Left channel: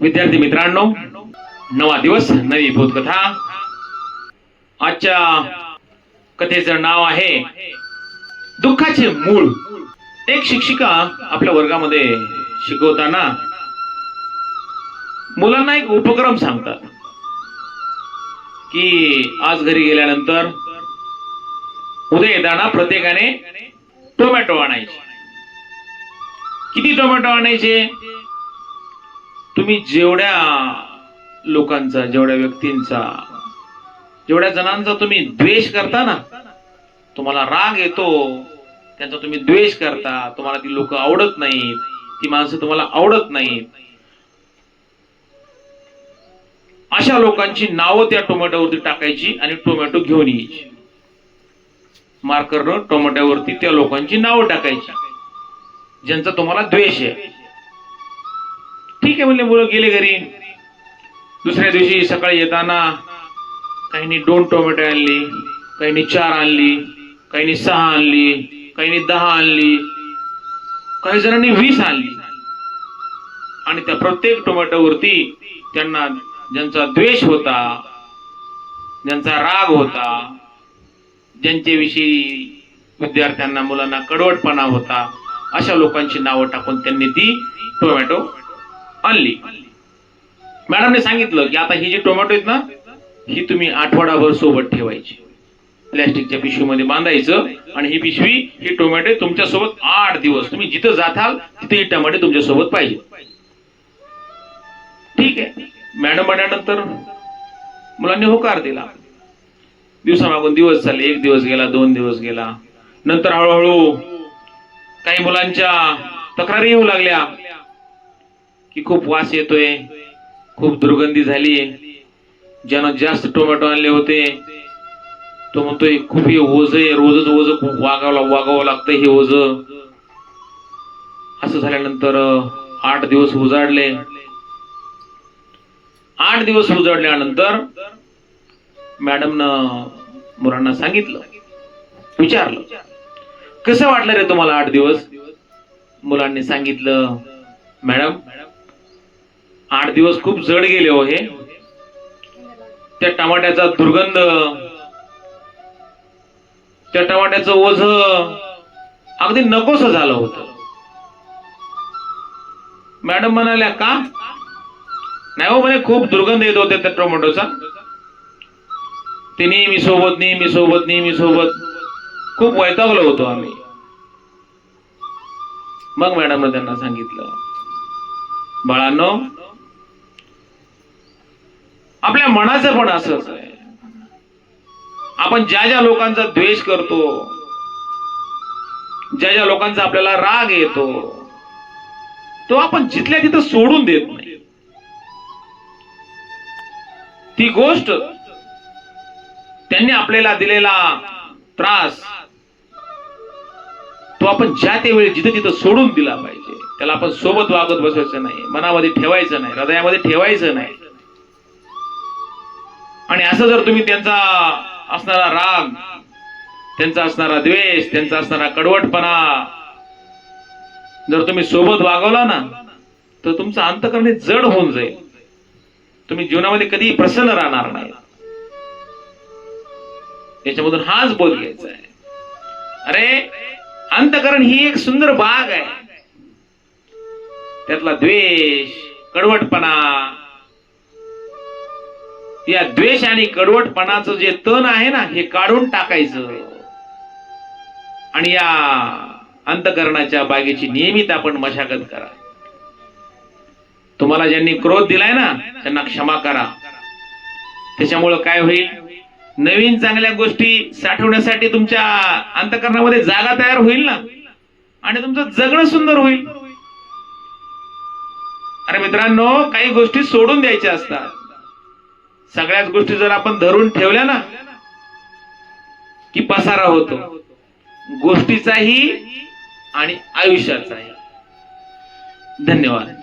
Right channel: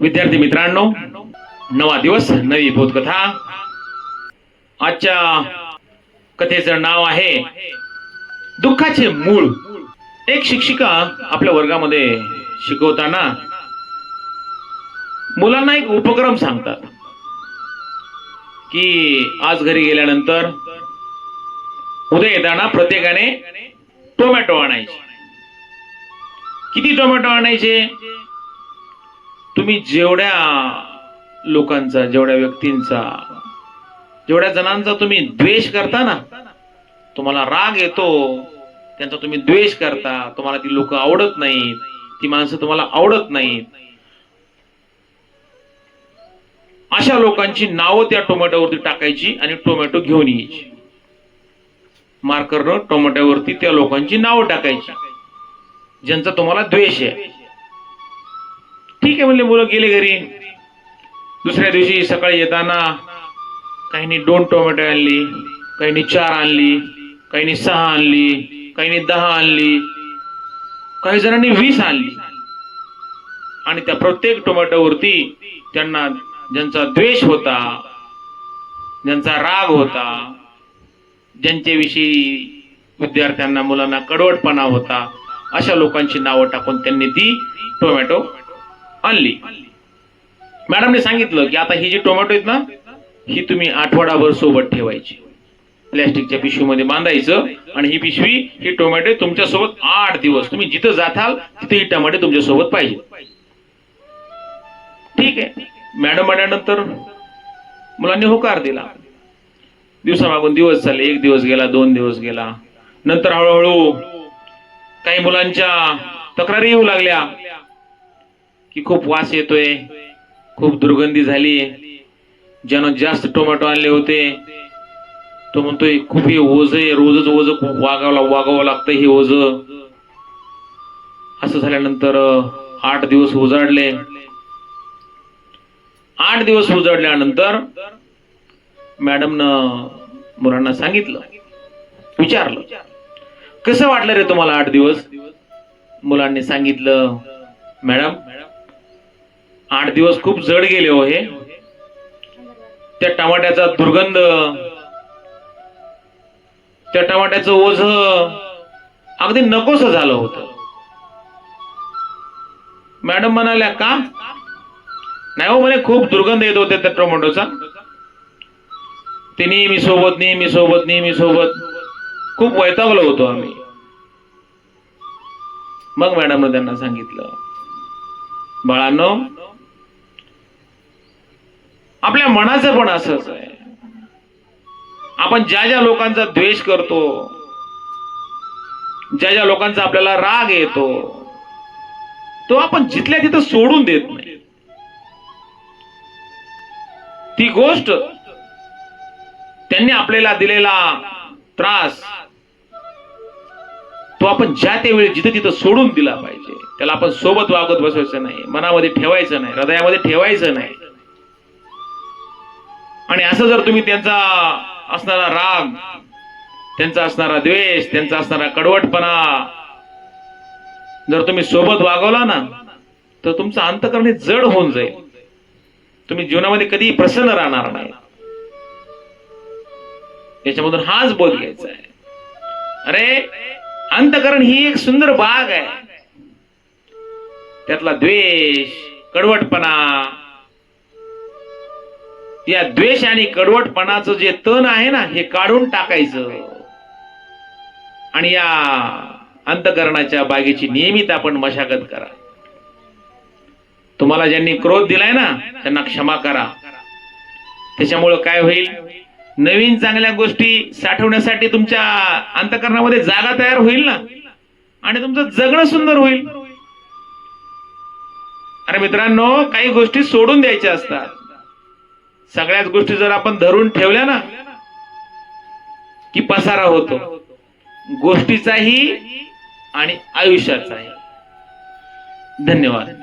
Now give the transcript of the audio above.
विद्यार्थी मित्रांनो नवा दिवस नवी बोधकथा. आजच्या कथेचं नाव आहे दुःखाचे मूळ. एक शिक्षिका आपल्या वर्गामध्ये शिकवताना मुलांना एक उपक्रम सांगतात की आज घरी गेल्यानंतर उद्या येताना प्रत्येकाने टोमॅटो आणायचे. किती टोमॅटो आणायचे? तुम्ही जेवढ्या लोकांचा जेवढ्या व्यक्तींचा जेवढ्या जणांचा तुम्ही द्वेष करता ना तुम्हाला राग येतो त्यांचा तुम्ही द्वेष करता तुम्हाला ती लोक आवडत नाहीत ती माणसं तुम्हाला आवडत नाहीत. अशा लोकांची नावं त्या टोमॅटोवरती टाकायची आणि टोमॅटो घेऊन यायची. मार्करनं टोमॅटोवरती त्या लोकांची नावं टाकायची ज्यांचा तुम्हाला द्वेष आहे. ठीक आहे म्हणले मुलं गेले घरी. दुसऱ्या दिवशी सकाळी येताना काहींनी दोन टोमॅटो आणली काहींनी चार आणली काहींनी सहा आणली काहींनी दहा आणली काही जणांनी वीस आणली. आणि त्या प्रत्येक टोमॅटोवरती त्यांना ज्यांचा द्वेष होता ज्यांचा राग होता ज्यांच्याविषयी विद्यार्थ्यांना मुलांना कडवटपणा होता अशा लोकांची नावं टाकून त्यांनी ती टोमॅटो आणली. मॅडमने सांगितलं की आता ही जी टोमॅटो आहेत ना ही तुम्ही आठवडाभर सोबत ठेवायची. प्लॅस्टिकच्या पिशवीमध्ये बांधायचं आणि ही पिशवी ही टोमॅटो तुमच्यासोबत आठ दिवस. तुम्ही जिथं जाताल तिथे ही टोमॅटो तुमच्यासोबत पाहिजे. ठीक आहे. मॅडम म्हणल्यानंतर मुलांनी होकार दिला. दिवसामागून दिवस चालले. एक दिवस गेला दोन दिवस गेला. नंतर हळूहळू काही मुलांच्या तक्रारी येऊ लागल्या. की खूप वास येतोय खूप दुर्गंधी झाली. ज्यानं जास्त टोमॅटो आणले होते तो म्हणतोय खूप हे ओझ आहे रोजच ओझ खूप वागावं वागावं लागतं हे ओझ. असं झाल्यानंतर आठ दिवस उजाडले. आठ दिवस उजाडल्यानंतर मॅडमनं मुलांना सांगितलं विचारलं कसं वाटलं रे तुम्हाला आठ दिवस? मुलांनी सांगितलं मॅडम आठ दिवस खूप जड गेले हो हे. त्या टमाट्याचा दुर्गंध त्या टमाट्याचं ओझ अगदी नकोस झालं होतं. मॅडम म्हणाल्या का? नाही हो म्हणे खूप दुर्गंध येत होते त्या टोमॅटोचा. तिने मी सोबत नेहमी सोबत नेहमी सोबत. खूप वैतागलो होतो आम्ही. मग मॅडमनं त्यांना सांगितलं बाळांनो आपल्या मनाचं पण असंच आहे आपण ज्या ज्या लोकांचा द्वेष करतो ज्या ज्या लोकांचा आपल्याला राग येतो तो आपण जिथल्या तिथं सोडून देत नाही. ती गोष्ट त्यांनी आपल्याला दिलेला त्रास तो आपण ज्या त्या वेळी तिथं सोडून दिला पाहिजे त्याला आपण सोबत वागत बसायचं नाही मनामध्ये ठेवायचं नाही हृदयामध्ये ठेवायचं नाही. आणि असं जर तुम्ही त्यांचा असणारा राग त्यांचा असणारा द्वेष त्यांचा असणारा कडवटपणा जर तुम्ही सोबत वागवला ना तर तुमचं अंतकरण हे जड होऊन जाईल. तुम्ही जीवनामध्ये कधी प्रसन्न राहणार नाही. याच्यामधून हाच बोध घ्यायचा आहे. अरे अंतकरण ही एक सुंदर बाग आहे. त्यातला द्वेष कडवटपणा या द्वेष आणि कडवटपणाचं जे तण आहे ना हे काढून टाकायचं. आणि या अंतकरणाच्या बागेची नियमित आपण मशागत करा. तुम्हाला ज्यांनी क्रोध दिलाय ना त्यांना क्षमा करा. त्याच्यामुळं काय होईल? नवीन चांगल्या गोष्टी साठवण्यासाठी तुमच्या अंतकरणामध्ये जागा तयार होईल ना. आणि तुमचं जगणं सुंदर होईल. अरे मित्रांनो काही गोष्टी सोडून द्यायच्या असतात. सगळ्याच गोष्टी जर आपण धरून ठेवल्या ना की पसारा होतो. गोष्टीचाही आणि आयुष्याचाही. धन्यवाद.